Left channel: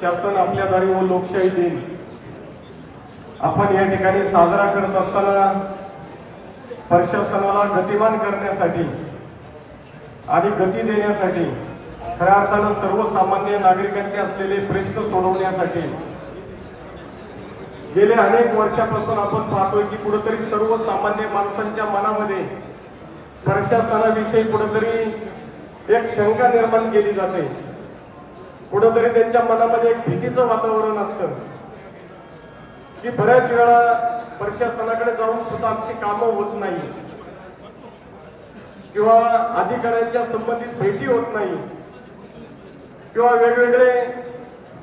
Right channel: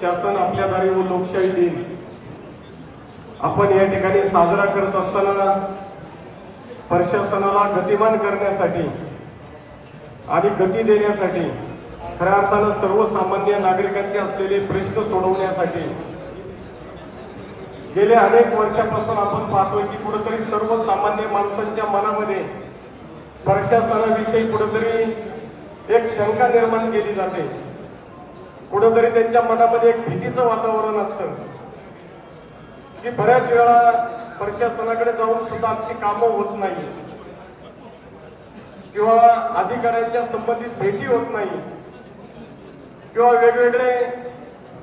शासन आपल्या दारी व लोकशाही दिन आपण या ठिकाणी साजरा करत असताना प्रशासनाला गतिमान करण्यासाठी आणि गती देण्यासाठी खऱ्या अर्थानं सर्वसामान्य नागरिकांचे असलेले प्रश्न सोडवण्यासाठी गेल्या अनेक वर्षापासून आपण पाहतोय की कुठेतरी सर्वसामान्य माणसांच्या मनामध्ये प्रशासनाविषयी कुठेतरी एक शंका निर्माण केली जाते, कुठेतरी त्यांच्या मनामध्ये एक भीतीचं वातावरण असतं की बऱ्याच वेळा प्रशासनाकडे जाऊन सुद्धा आमची कामं होत नाही किंवा अधिकाऱ्यांच्या संबंधित भेटी होत नाही किंवा वेगवेगळे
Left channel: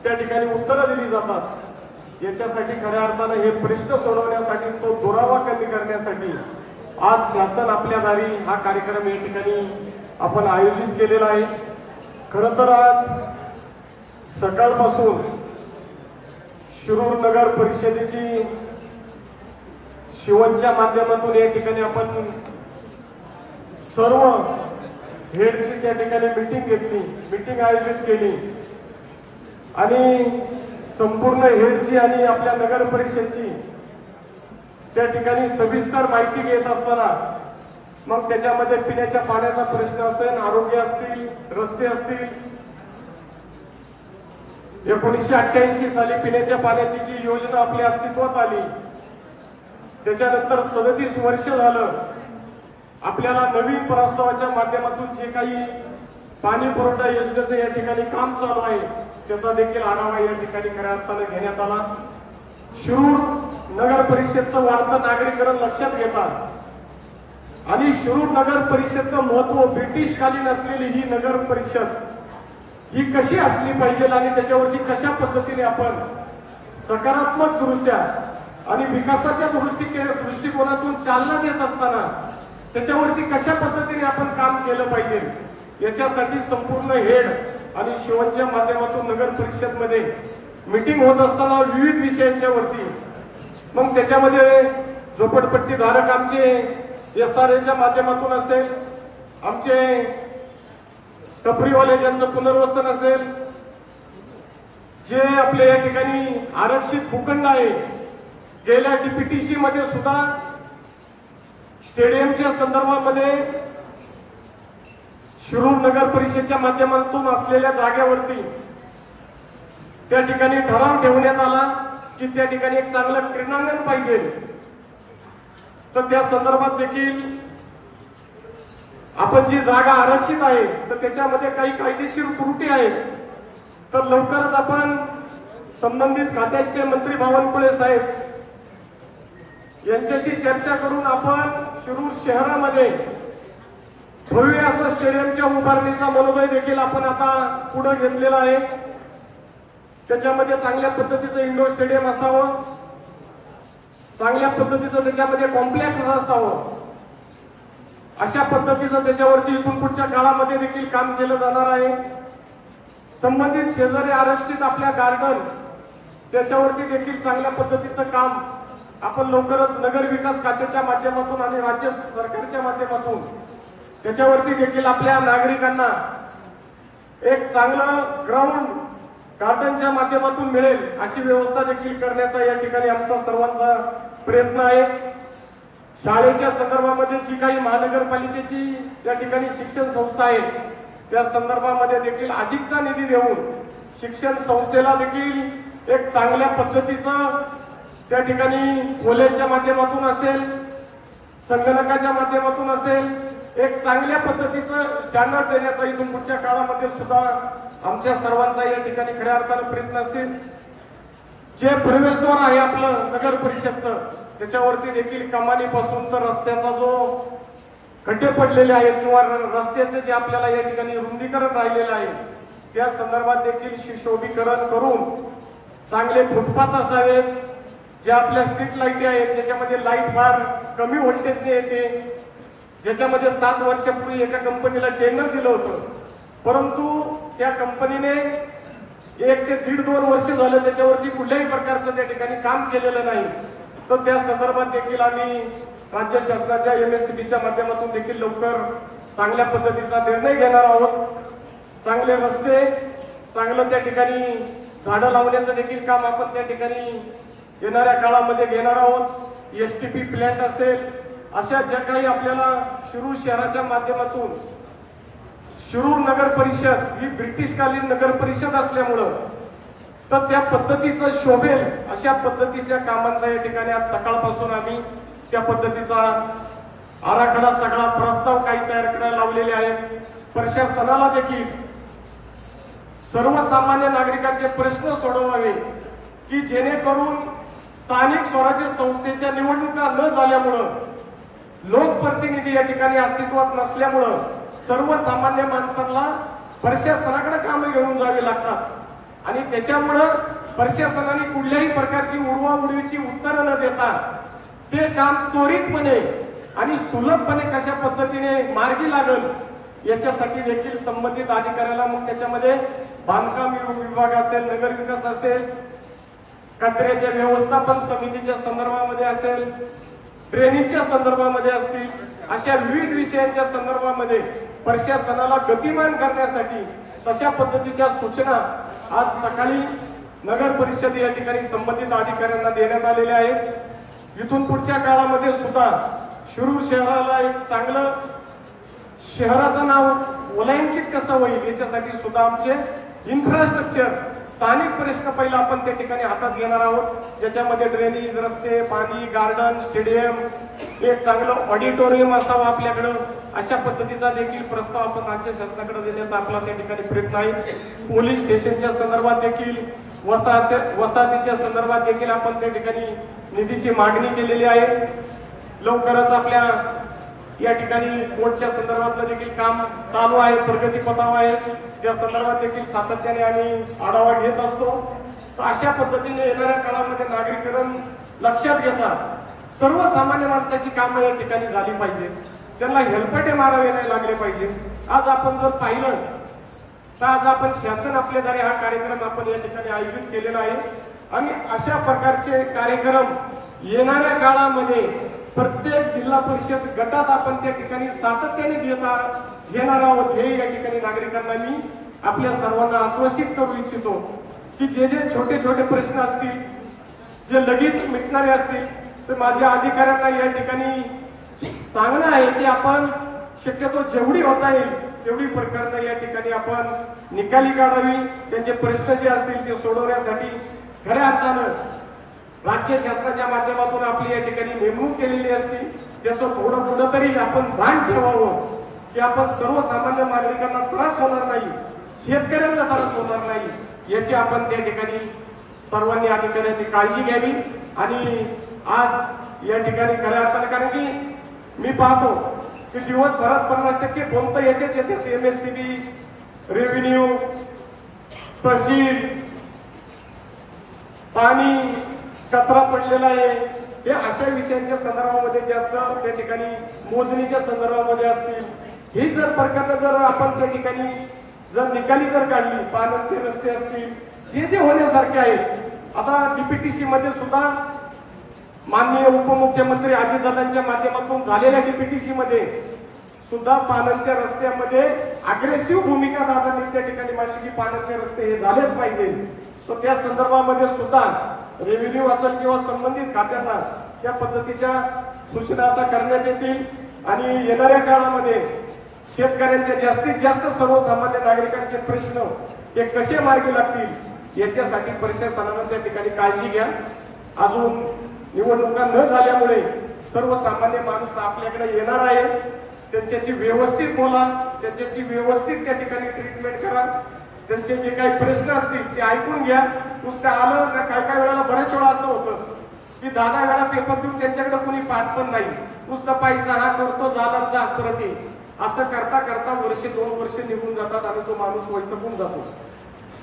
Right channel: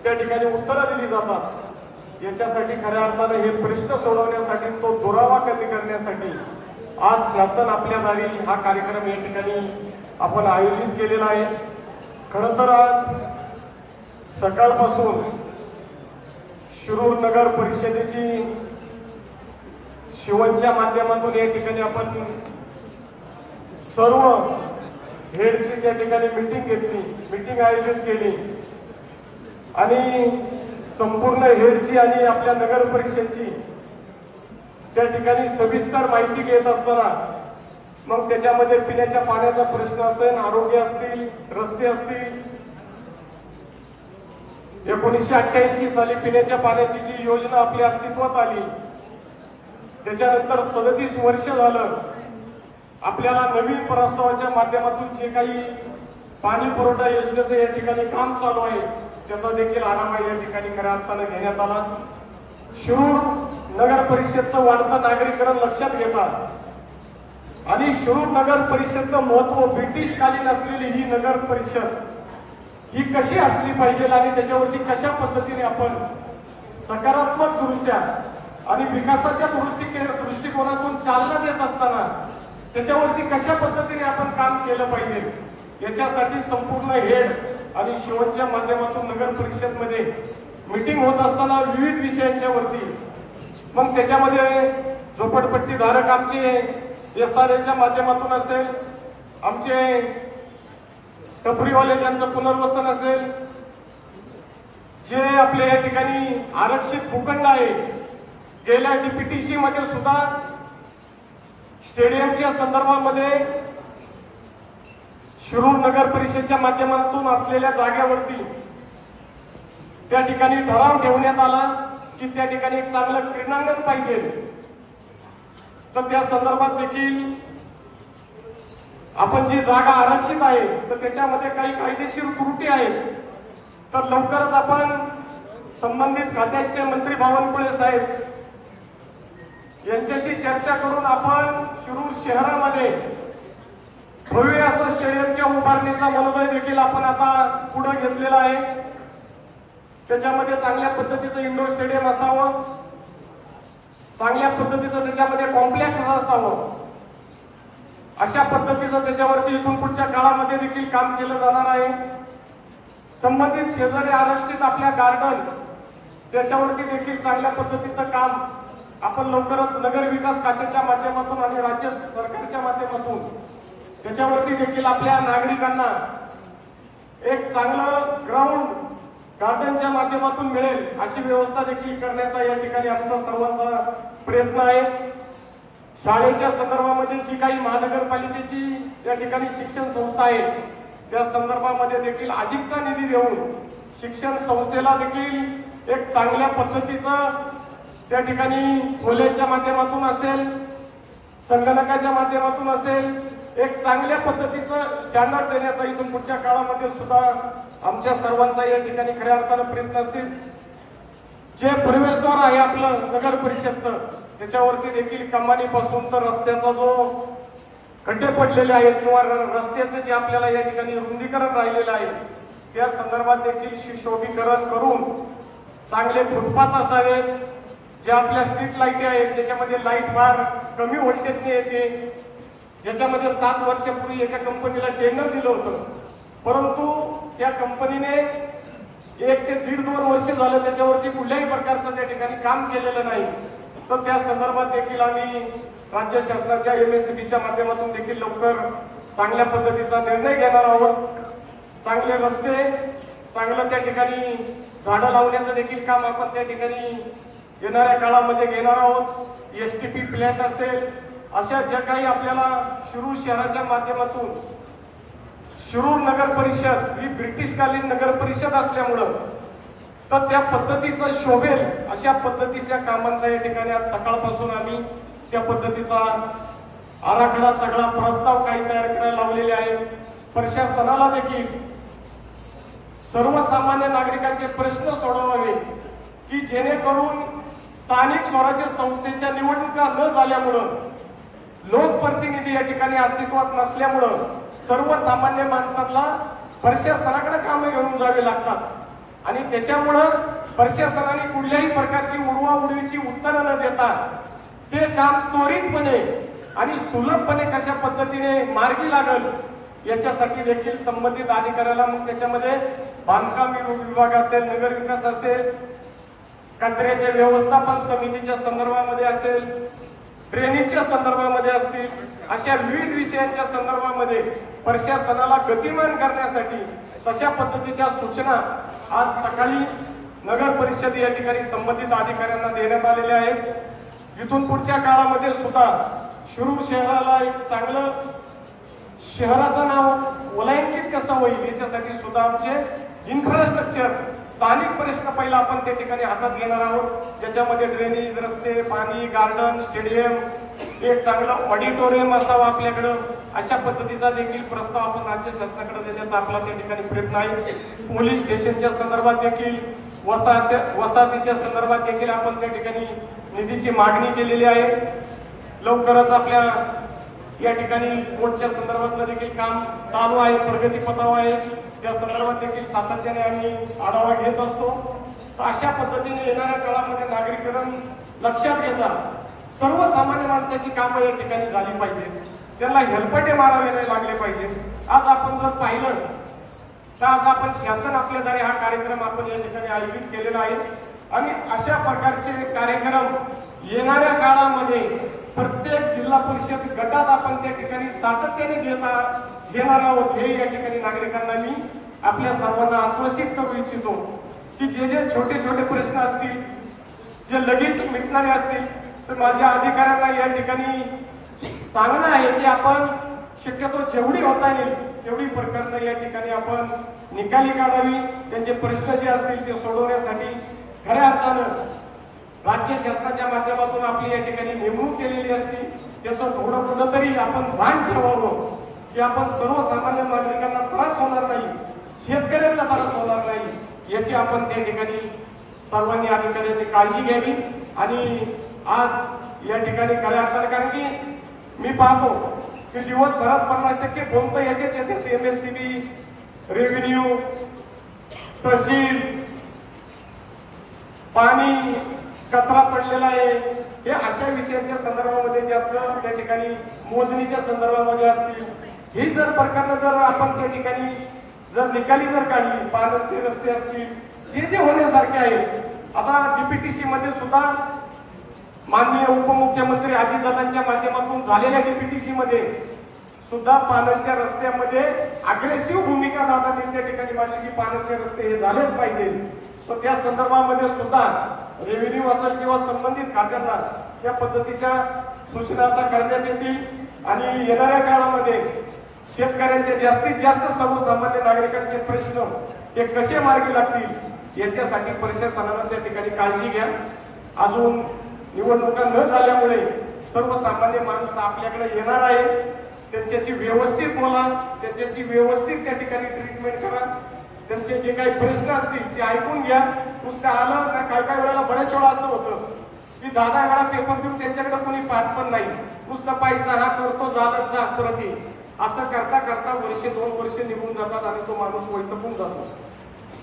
त्या ठिकाणी उत्तरं दिली जातात। याच्यासाठी खऱ्या अर्थानं हे प्रश्न सोडवण्यासाठी, तो दुरावा कमी करण्यासाठी आज शासन आपल्या दारी हा कार्यक्रम या ठिकाणी आपण आयोजित केलेला आहे। खरं तर आज सकाळपासून शिरूर नगर परिषदेची शिवनच्या माध्यमातून या ठिकाणी आपण सर्व हेडची त्या ठिकाणी मीटिंग आयोजित केली आणि संपूर्ण हेडची आणि आपल्या नगर परिषदेची त्या ठिकाणी सविस्तर माहिती घेत असताना मग त्याच्यामध्ये पिण्याच्या पाण्याचा प्रश्न असेल, आरोग्य असतील, रस्ते असतील, 1988 साली पिण्याच्या पाण्याची जी योजना आपल्या अस्तित्वात आली त्याच्यानंतर 37 वर्ष झालं आपल्याला नवीन प्रस्तावाच्या माध्यमातून जे काही पाणी पुरवठा योजनेचं या ठिकाणी काम चालू आहे त्याचा देखील आढावा या ठिकाणी खऱ्या अर्थानं घेण्यात आला। शिरूर नगर परिषदचं वाढतं नागरीकरण लक्षात घेतात आणि शिरूर नगर परिषदचं महत्व ब्रिटिशकालीन असलेली ही नगर परिषद ही कशी असली पाहिजे आणि त्याच्यावरती कशा पद्धतीने आपण सकारात्मक दृष्ट्या आणि विकासाच्या दृष्टिकोनातून चालना देत असताना त्याच्यावरती कशा पद्धतीने आपण काम केलं पाहिजे याच्यासाठी संपूर्ण हेड आणि शिवनच्या माध्यमातून नगर परिषद मध्ये मीटिंग होत असताना विविध विषयांच्या वरती मग त्याच्यामध्ये झोपडपट्टी धारक आमचे SRAच्या माध्यमातून असेल, आमचे टपरीवाले ज्यांचं पुनर्वसन असेल, जे आपल्या या ठिकाणी आरक्षित भूखंड आहे, गेल्या DPTC मध्ये सुद्धा स्टेडियमच्या संदर्भामध्ये शिरूर नगर परिषदेच्या माध्यमातून असलेल्या जागेवरती त्या ठिकाणी ठराव ठेवण्यात आला की त्या ठिकाणी एक चांगलं क्रीडांगण पाहिजे। तर त्या संदर्भात देखील आपण जी जागा आरक्षित आहे तर त्याच्यामध्ये काही कायदेशीर त्रुटी आहेत, तर लवकरच आपण संबंधित खात्याचे मंत्री बावनकुळे साहेब यांच्याशी चर्चा करून आपण शिरूर शहरामध्ये भव्य असं स्टेडियमच्या उभारणीचा मनोदय देखील आपण आता पुढे घेतलेला आहे। त्याच्यामध्ये चांगल्या पद्धतीचं इंडोर स्टेडियम असावं, चांगल्या पद्धतीचं त्याच्यामध्ये कॉम्प्लेक्स असावं, अशा पद्धतीचं त्याच्यावरती इथून पुढच्या काळामध्ये देखील काम केलं जाणार आहे। संबंधित शेजारी आरक्षित आपल्या गार्डन त्याच्यावरती देखील चांगल्या पद्धतीचं काम आपण लवकरच नगर विकास खात्याच्या माध्यमातून आणि राज्य सरकारच्या माध्यमातून त्याच्यावरती देखील आपल्या नागरिकांना एक चांगलं ग्राउंड गार्डनच्या माध्यमातून मिळेल अशी व्यवस्था देखील करण्याचा या ठिकाणी आमचा सर्वांचा प्रयत्न आहे। शाळेच्या संदर्भामध्ये जी काही महानगरपालिकेची या ठिकाणी शिक्षण संस्था आहे त्या संदर्भामध्ये देखील अधिकचा निधी देऊन शिक्षण संस्थेला देखील एक चांगल्या पद्धतीचं त्या ठिकाणी खोल्यांच्या माध्यमातून असेल, संगणकाच्या माध्यमातून असेल, एक चांगल्या पद्धतीचं स्टँडर्ड देण्याचा इथून पुढच्या काळामध्ये सुद्धा आमच्या सर्वांचा या ठिकाणी खऱ्या अर्थानं प्रयत्न असेल। जे प्रवेशद्वार आहे आपलं नगर परिषदचं त्याच्यावरती देखील कमानीपासून तर रस्त्याचा जो खड्डे पडलेले आहेत किंवा रस्त्याचे जे आपल्याला या ठिकाणी रुंदीकरण राहिलेलं आहे त्या संदर्भात देखील सुशोभीकरण करून चांगले फुटपाथ असावेत, जे आपल्या स्ट्रीट लाईट आहेत ज्याच्यामध्ये लाईट फार कमी व्होल्टेजने येते, ज्याच्यामध्ये 7 वर्षापूर्वी एका कंपनीला टेंडर दिलं होतं परंतु त्या कंपनीने 1 ते 1.5-2 वर्ष झालं त्याच्यावरती कुठल्याही प्रकारचं त्या ठिकाणी काम केलेलं नाही। तर त्या संदर्भात देखील आम्ही राज्य शासनाच्या MSCBच्या माध्यमातून देखील लवकर चांगल्या पद्धतीचा निर्णय घेणार आहोत। चांगले रस्ते, चांगलं त्या ठिकाणी झाडं लावण्याचं देखील काम आपण त्या ठिकाणी येणाऱ्या काळामध्ये घेणार आहोत। एसटीपी प्लॅन्ट असेल, अशा ज्या काही आपल्याला शिरूर शहराच्या माध्यमातून, शिरूर नगर परिषद ही ब्रिटिशकालीन नगर परिषद असल्यामुळं तर त्या पद्धतीचं शोभेल अशा पद्धतीच्या कामांचा या ठिकाणी आज सकाळपासून आम्ही त्या पद्धतीचा आराखडा सगळा प्रस्ताव काही तयार करायला लावलेले आहे। प्रशासनाला देखील सर्वसामान्य नागरिकांचे प्रश्न सोडवावे की जेणेकरून स्थानिक स्वराज्य संस्थेच्या निवडणुका न झाल्यामुळं, लोकप्रतिनिधी या ठिकाणी अस्तित्वात नसल्यामुळं सर्वसामान्य माणसांना प्रशासनाकडे कामे घेऊन जावे लागतात आणि त्याच्यामुळं प्रशासनाने कुठल्याही प्रकारची उडवाउडवीची उत्तरं न देता ते काम त्वरितपणे आणि सुलभपणे कशा पद्धतीने मार्गी लागल याच्यासाठी देखील संबंधित अधिकाऱ्याला, मग त्याच्यामध्ये बांधकाम विभाग असेल, नगर विकास असेल, कचऱ्याच्या व्यवस्थापन समितीच्या संदर्भामध्ये असेल, ड्रेनेजच्या संदर्भामध्ये असतील, अशा विविध विषयांच्या संदर्भामध्ये प्रशासनाला गतिमान करण्यासाठी तशा पद्धतीच्या सूचना आज सकाळी नगर परिषद या ठिकाणी संबंधित अधिकाऱ्यांना देण्यात आलेल्या आहेत। इथून पुढच्या काळामध्ये सुद्धा शिरूर शहराला एक चांगलं शहराचं नाव ओलांकित कसं होईल याच्यासाठी सुद्धा आमचे इन्फ्रास्ट्रक्चर, स्थानिक प्रश्न पहिला आपण त्या ठिकाणी हातात घेणार आहोत, ज्याच्यामध्ये ड्रेनेज, रस्ते, पाणी, गार्डन, स्टेडियम, एक चांगलं ऑडिटोरियम असावं आपल्याकडं, अशा पद्धतीचा देखील प्रस्ताव आपण राज्य शासनाकडे देण्याचा आपला त्या ठिकाणी प्रयत्न आहे। पोलीस स्टेशनच्या संदर्भात देखील, वसाहतीच्या संदर्भात देखील आपण त्या ठिकाणी निधीची मागणी केलेली आहे। लवकरच आपल्या या ठिकाणी कोर्टच्या संदर्भातलं देखील काम चालू आहे, प्रगतीपथावर आहे, त्या संदर्भात देखील सातत्याने आम्ही आढावा घेत असतो। तर अशा पद्धतीने येणाऱ्या काळामध्ये नागरिकरण लक्षात घेता सर्वसामान्य माणसाची कामं या ठिकाणी झाली पाहिजे, त्यांना हेलपाटे मारावे नाही लागले पाहिजे। आज आपण जर पाहिलं तर आज आपण शासन आपल्याद्वारे हा कार्यक्रम आपण या ठिकाणी आयोजित केलेला आहे आणि अशा प्रकारचे कार्यक्रम येणाऱ्या काळामध्ये प्रत्येक जिल्हा परिषद गटात आपण त्या ठिकाणी सातत्याने घेणार आहोत। हे या ठिकाणी नागरिकांना मी आपल्या सर्वांना आश्वासित करू इच्छितो की जे जे छोटे छोटे प्रश्न असतील, जे लगेच मिटणारे असतील, तर माझ्या अधिकाऱ्यांना या ठिकाणी सांगणं आहे की आपण शक्यतो जेवढी होता येईल तेवढी प्रकरणं या ठिकाणी आपण निकाली काढावी, त्यांचे प्रश्न जे असतील ते सोडवण्यासाठी खऱ्या अर्थानं राज्य शासनाच्या माध्यमातून आपली या ठिकाणी नेमणूक केलेली असती, त्याचं थोडं तरी आपण भान ठेवावं की आपण सर्वसामान्य नागरिकांना त्रास होणार नाही, शेतकऱ्यांना त्रास होणार नाही, याची आपण त्या ठिकाणी सर्वांनी अधिकाऱ्यांनी काळजी घ्यावी। आणि आज या ठिकाणी खऱ्या अर्थानं, कारण की मी पाहतो की दिवसभरात 50% बोलतं याच्यात MSCB, रेव्हेन्यू, तहसील, पाणी, कचरा पडलेला आहे, हे अशा विषयांच्या संदर्भामध्ये जास्त त्या ठिकाणी मोजणीच्या संदर्भामध्ये असतील, ही जर प्रकरणं जर आपण त्या ठिकाणी जर निकाली जर काढली, पाण्याचे रस्ते असतील, जे जे होण्यासारखे आहेत, आता DPTC मध्ये सुद्धा माननीय उपमुख्यमंत्री अजितदादांच्या माध्यमातून झालेल्या DPTC मध्ये सुद्धा पाण्याच्या रस्त्यामध्ये अग्रेसिव्ह भूमिका दादांनी त्या ठिकाणी मांडली की पाण्याचे रस्ते हे झालेच पाहिजे। तर त्या संदर्भामध्ये सुद्धा रेव्हेन्यू असेल किंवा संबंधित खात्यांना त्या पद्धतीच्या सूचना आता करण्यात येतील आणि येणाऱ्या काळामध्ये शेतकऱ्यांचे जास्तीत जास्त सर्वसामान्य नागरिकांचे प्रश्न हे कसे मार्गी लागतील याच्यासाठी प्रशासनाने त्या ठिकाणी काळजी घ्या। अजून निवडणुका न झाल्यामुळे सर्वसामान्य माणूस आपल्याकडे येणार आहे, त्यांच्याशी व्यवस्थित बोला, त्यांच्याशी व्यवस्थित त्या ठिकाणी ट्रीटमेंट करा, त्यांचे जे काही प्रश्न असतील ते ऐकून घ्या। नुसतं आलं ना, काय वेळेला बऱ्याच वेळा असं होतं की 10 वेळा पेपर देऊन त्यांच्याकडे कोणी पाहत पण नाही, नुसतं पैसा हा करतो, झाला जा परत ये, असं करता करता वर्ष 2 वर्ष निघून जातात आणि तो माणूस वैतकून जातो।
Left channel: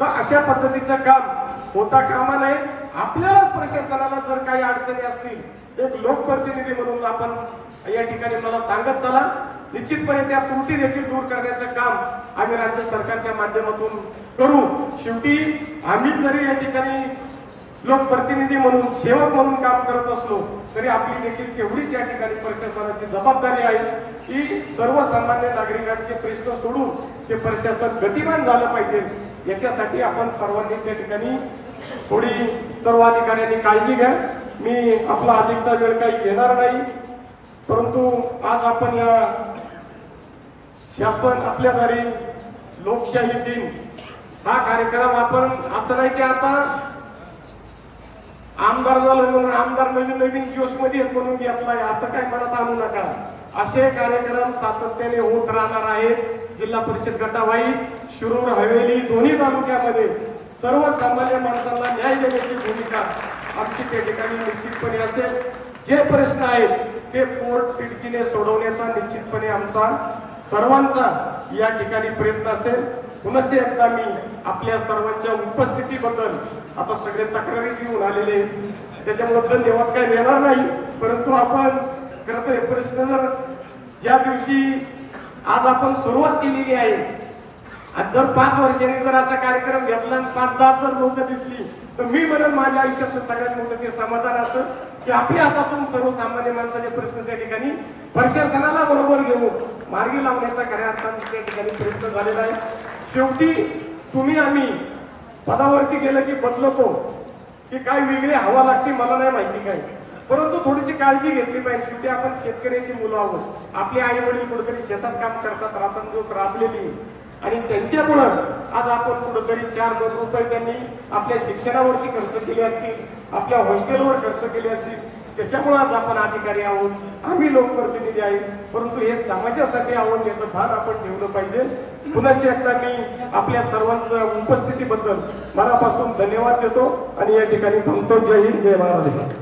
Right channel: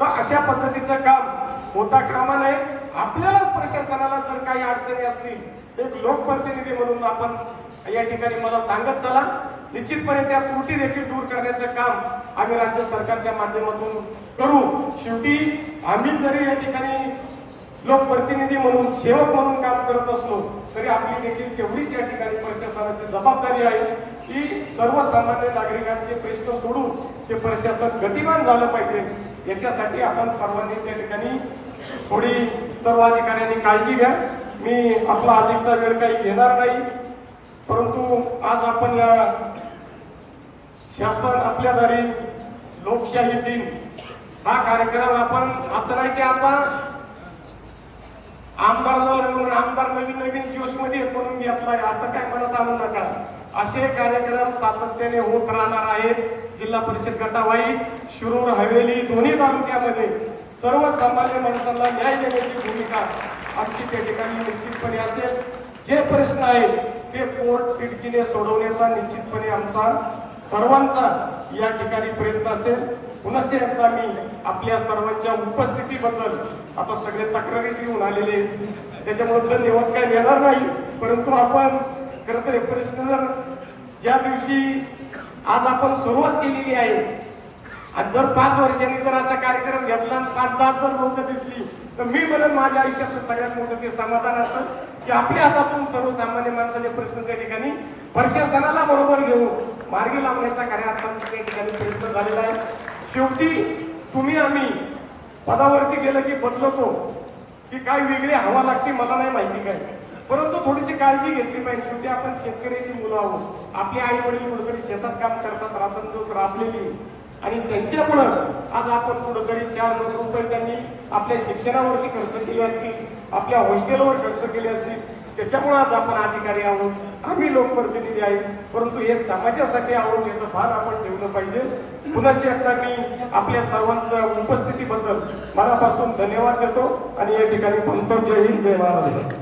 तर अशा पद्धतीचं काम होता कामा नये। आपल्याला प्रशासनाला जर काही अडचणी असतील एक लोकप्रतिनिधी म्हणून आपण या ठिकाणी मला सांगत चला, निश्चितपणे त्या त्रुटी देखील दूर करण्याचं काम आम्ही राज्य सरकारच्या माध्यमातून करू। शेवटी आम्ही जरी या ठिकाणी लोकप्रतिनिधी म्हणून, सेवक म्हणून काम करत असलो तरी आपली देखील तेवढीच या ठिकाणी प्रशासनाची जबाबदारी आहे की सर्वसामान्य नागरिकांचे प्रश्न सोडून ते प्रशासन गतिमान झालं पाहिजे। याच्यासाठी आपण सर्वांनी त्या ठिकाणी थोडी सर्व अधिकाऱ्यांनी काळजी घ्या. मी आपला अधिकचा वेळ काही घेणार नाही, परंतु आज आपण या शासन आपल्या दारी लोकशाही दिन हा कार्यक्रम आपण असं नाही की आता आमदार झाला म्हणून आमदार नवीन जोश मध्ये म्हणून घेतलाय असं काय मनात आणू नका. असे कार्यक्रम सातत्याने होत राहणार आहेत. जिल्हा परिषद गटावाईज शिरूर हवेली दोन्ही तालुक्यामध्ये सर्वसामान्य माणसांना न्याय देण्याची भूमिका आमची त्या ठिकाणी निश्चितपणे असेल. जे प्रश्न आहेत ते पोट तिडकीने सोडवण्याचा निश्चितपणे आमचा सर्वांचा या ठिकाणी प्रयत्न असेल. पुन्हा एकदा मी आपल्या सर्वांच्या उपस्थितीबद्दल आता सगळे तक्रारीच येऊन आलेले त्याच्यामुळे धन्यवाद काय देणार नाही, परंतु आपण खरं तर प्रश्न जर ज्या दिवशी आज आपण सुरुवात केलेली आहे आणि जर 5 वर्षांनी जर असा कार्यक्रम घेतला आणि 5-10 जर लोक दिसली तर मी म्हणून माझ्या आयुष्यातलं सगळ्यात मोठं ते समाधान असं की आपल्या हातातून सर्वसामान्य माणसाचे प्रश्न त्या ठिकाणी प्रशासनाला बरोबर घेऊन मार्गी लावण्याचा खऱ्या अर्थाने त्या ठिकाणी प्रयत्न झालेला आहे. शेवटी तुम्ही आम्ही पदावरती गेलं की बदलतो की काय वेगळी हवा लागते मला नाही माहिती काय, परंतु थोडीशी काळजी घेतली पाहिजे. शेवटी आपण शेतकऱ्याची मुलं आहोत. आपले आई वडील कुठेतरी शेतात काम करतात, रात्रंदिवस राबलेली आणि त्यांच्यामुळं आज आपण कुठेतरी 4 लाख रुपये त्यांनी आपल्या शिक्षणावरती खर्च केले असतील, आपल्या हॉस्टेलवर खर्च केले असतील. त्याच्यामुळे आज आपण अधिकारी आहोत, आम्ही लोकप्रतिनिधी आहेत, परंतु हे समाजासाठी आहोत याचं भान आपण ठेवलं पाहिजे. पुन्हा एकदा मी आपल्या सर्वांच्या उपस्थितीबद्दल मनापासून धन्यवाद देतो आणि या ठिकाणी थांबतो. जय हिंद, जय महाराष्ट्र.